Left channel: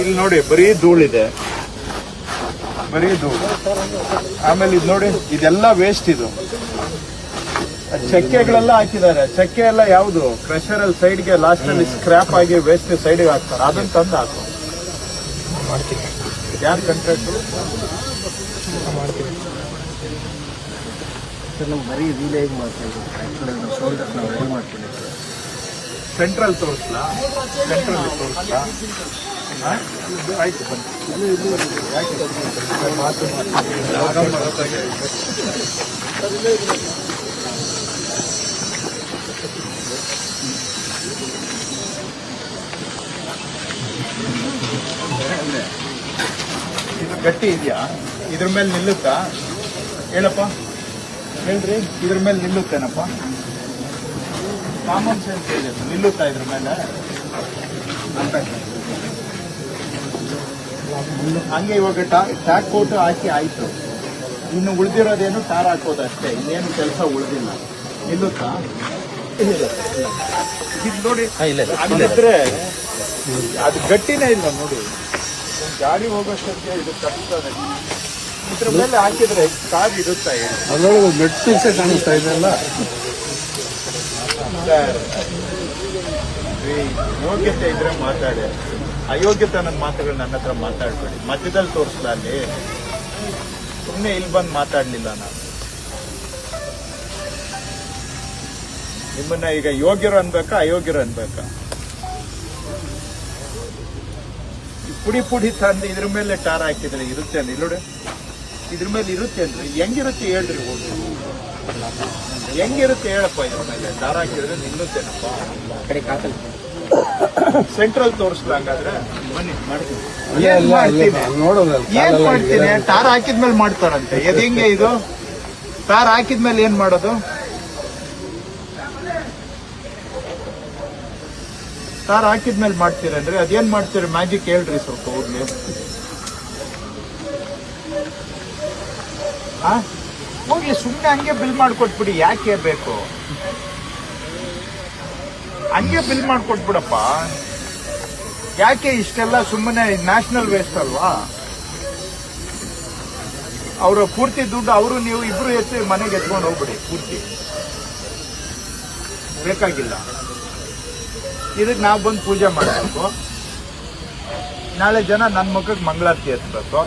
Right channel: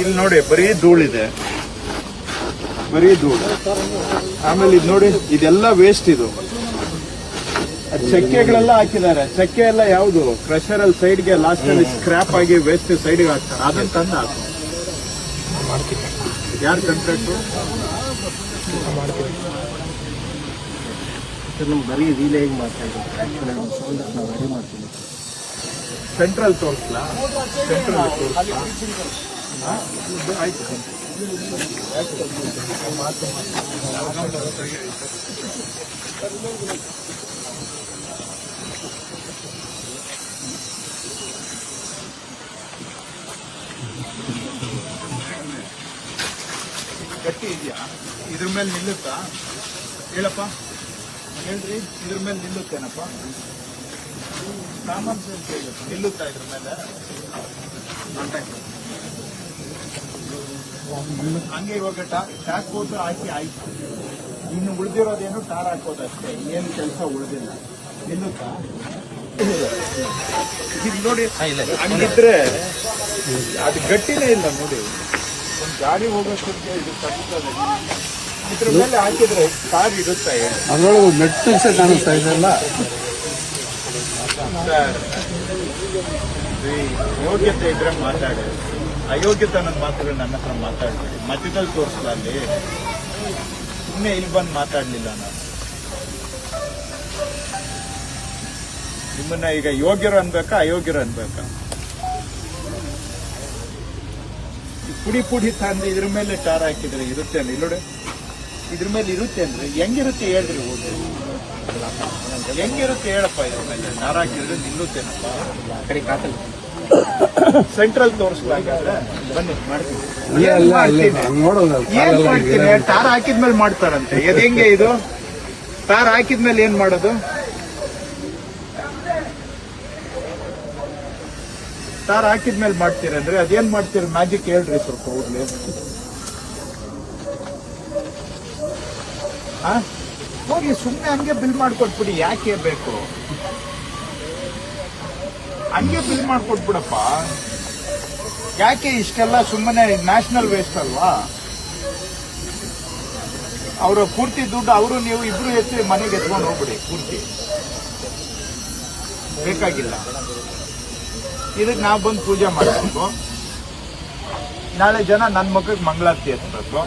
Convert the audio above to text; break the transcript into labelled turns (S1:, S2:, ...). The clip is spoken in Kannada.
S1: ಇಲ್ಲಿ ನೋಡಿ, ಬರೀ ಧೂಳಿದೆ. ಬರೀ ಧೂಳು. ಆಮೇಲೆ ಇದು ನೋಡಿ, ಇದೆಲ್ಲ ವೇಸ್ಟ್ ಇದು. ಚಕ್ಕೆಗಳೆಲ್ಲ ಹಾಕಿದ್ದಾರೆ. ಚಕ್ಕೆ ಎಲ್ಲ ಯಾವುದು? ಕ್ರಷರ್ ಅಲ್ಲಿ ಸೈಡ್ಗೆ ಲಾಸ್ಟ್ ಅಲ್ಲಿ ಸ್ಕ್ರಾಪ್ ಆಗಿ ವೇಸ್ಟ್ ಸೈಡ್ಗೆ ಹಾಕ್ತಾರೆ. ಅದನ್ನ ತಂದ. ಯಾರು ಕಂಟ್ರಾಕ್ಟ್
S2: ಮಾಡ್ತೀವಿ
S3: ಬರೀ ರೀಲೇ ಹೇಗೆ ಮಾಡ್ತಾ ಇದ್ದೀವಿ ನಾವು ಮಾಡ್ಕೊಂಡಿದ್ದೀವಿ.
S1: ಸೆಂಟ್ರಲ್ ತೋರಿಸ್ಲಾ? ಸೆಂಟ್ರಲ್ ತೋರಿಸ್ಲಾ? ಆಯ್ತು ಗಟ್ಟಿ ಇದೆಯಾ? ಇದ್ರ ಮೇಲೆ ನಿಲ್ಲುತ್ತಾ? ಹೇಳಪ್ಪ. ಹೇಳ್ರಿ, ಇದ್ರ ಮೇಲೆ ನಿಲ್ಲುತ್ತೇನಪ್ಪ? ಕಾಮನ್ ಸೆನ್ಸ್ ಇದೆ. ನಿಲ್ಲುತ್ತಾ ಇದ್ರ ಮೇಲೆ. ಹಂಗೆ ಇವಾಗ ಟ್ಯಾಕ್ ಕೋಟ್ ಹಾಕಿ ಆಯ್ತು. ಇನ್ನು ಉಳಿದಿರೋದೇನು ಟಾರ್ ಹಾಕೋದು ಅಷ್ಟೇ. ಇನ್ನೇನು ಕೆಲಸ ಉಳಿದಿಲ್ಲ. ನಿಲ್ಲುತ್ತಾ? ಇದು ನೋಡಿ ಹಂಗಿದ್ರೆ ಅದು ಗಟ್ಟಿನೇ ಇಲ್ಲ ನೋಡಿ. ಒಂದು ಗಾಡಿ ಹೋಗೋಷ್ಟೊತ್ತಿಗೆ ಇದು ತಪ್ಪುತ್ತದೆ ಇದ್ರ ಮೇಲೆ ಹಾಕಿದ್ರೆ ಕಾರ್ ಇರುತ್ತೆ ಹೇಳಿ.
S3: ಪೀಸೇ ಕಾಣಿಸ್ತಾ ಇದೆಯಲ್ಲ
S1: ಸರ್, ಯೋಗ್ಯತೆ ಇದ್ರೆ ಮಾತಾಡಿ. ಅಯೋಗ್ಯತೆ ಅನ್ನೋ ಮಾತುಗಳು ನನ್ನ ಹತ್ರ ಮಾತಾಡ್ತಾರೆ. ಮಧ್ಯದಲ್ಲಿ ತೋರಿಸ್ಲ ಅಲ್ಲಿ. ಸುಮ್ಮನೆ ಇಲ್ಲಿ ಬಂದು ಮಾತಾಡ್ಲಿಲ್ಲ ನಾನು. ನಿಮ್ಮನ್ನ ಈಗ ಯೋಗ್ಯರು ಅನ್ಬೇಕಾ ಅಯೋಗ್ಯರು ಅನ್ಬೇಕಾ? ಪುಡಿ ಪುಡಿ ತಂದು ಇದ್ರ ಮೇಲೆ ಟಾರ್ ಹಾಕಿದ್ರೆ ಇರುತ್ತೆ ನೋಡಿ. ಇದ್ರ ಮೇಲೆ ಇರುತ್ತೆ ಅಂದ್ರೆ ಹೆಂಗಿರುತ್ತೆ ಹೇಳ್ರಿ ಓದಿ ಹೆಂಗಿರುತ್ತೆ ಹೇಳಪ್ಪ ಇದ್ರ ಮೇಲೆ? ಟಾರ್ ಹಾಕಿದ್ರೆ ನಿಲ್ಲುತ್ತೇನಪ್ಪ?
S3: ಆ ಕಡೆ ಕಾಕಲ್
S1: ಸೆಂಟ್ರಲ್ ತೋರಿಸ್ಲಾ ಹಂಗಾದ್ರೆ? ಬನ್ನಿ ಮಾಡ್ತೀನಿ.
S3: ಅಲ್ಲೇ
S1: ಏನ್ ಮಾಡ್ತೀನಿ?
S3: ನೋಡೋದಲ್ಲ.
S1: ಏನ್ ಮಾಡ್ತೀನಿ? ಟಾರ್ ಹಾಕಿದ್ಮೇಲೆ ಮಾಡ್ತಾರಂತೆ. ಅದ್ ಹೆಂಗೆ ಇದು? ಟಾರ್ ಹಾಕಿದ್ಮೇಲೆ ಏನ್ ಮಾಡೋದು? ಟಾರ್ ಹಾಕಿದ್ಮೇಲೆ ಮಾಡ್ತೀರಂದ್ರೆ ಅದೇನ್ ಮಾಡ್ತೀರಿ? ಮ್ಯಾಜಿಕ್ ಹೇಳ್ರಿ ಸ್ವಲ್ಪ ಹೋಗ್ಲಿ. ಆ? ಹೋಗ್ಲಿ ಸುಮ್ಮನೆ ಹಂಗೆ ಬಿಲ್ ಮಾಡ್ಕೊಟ್ಬಿಡಿ, ಯಾಕೆ ಬೇಕು ಹಂಗೆ ಬಿಲ್ ಮಾಡ್ಕೊಟ್ಬಿಡಪ್ಪ. ಯಾಕೆ ಇಷ್ಟೆಲ್ಲ ಸುಮ್ಮನೆ ನ್ಯಾಷನಲ್ ವೇಸ್ಟ್ ಅಲ್ವಾ? ಅವರ ಪೂರ್ತಿ ದುಡ್ಡು ಅವರು, ನೀವು ಇಬ್ರು ಎತ್ತಿ ಮನೆಗೆ ಎತ್ಕೊಂಡು ಹೋಗ್ಬಿಡಿ, ಪೂರ್ತಿ. ಬೇಕಾಗಿಲ್ಲ. ಇದಕ್ಕೆ ನಾವು ಬಂದು ಪೂಜೆ ಮಾಡಬೇಕು. ನಾಳೆ ಜನ ನನ್ನ ಮಕ್ಕಳಿಗೆ ಮಂಗಳಾರತಿ ಎತ್ತಬೇಕು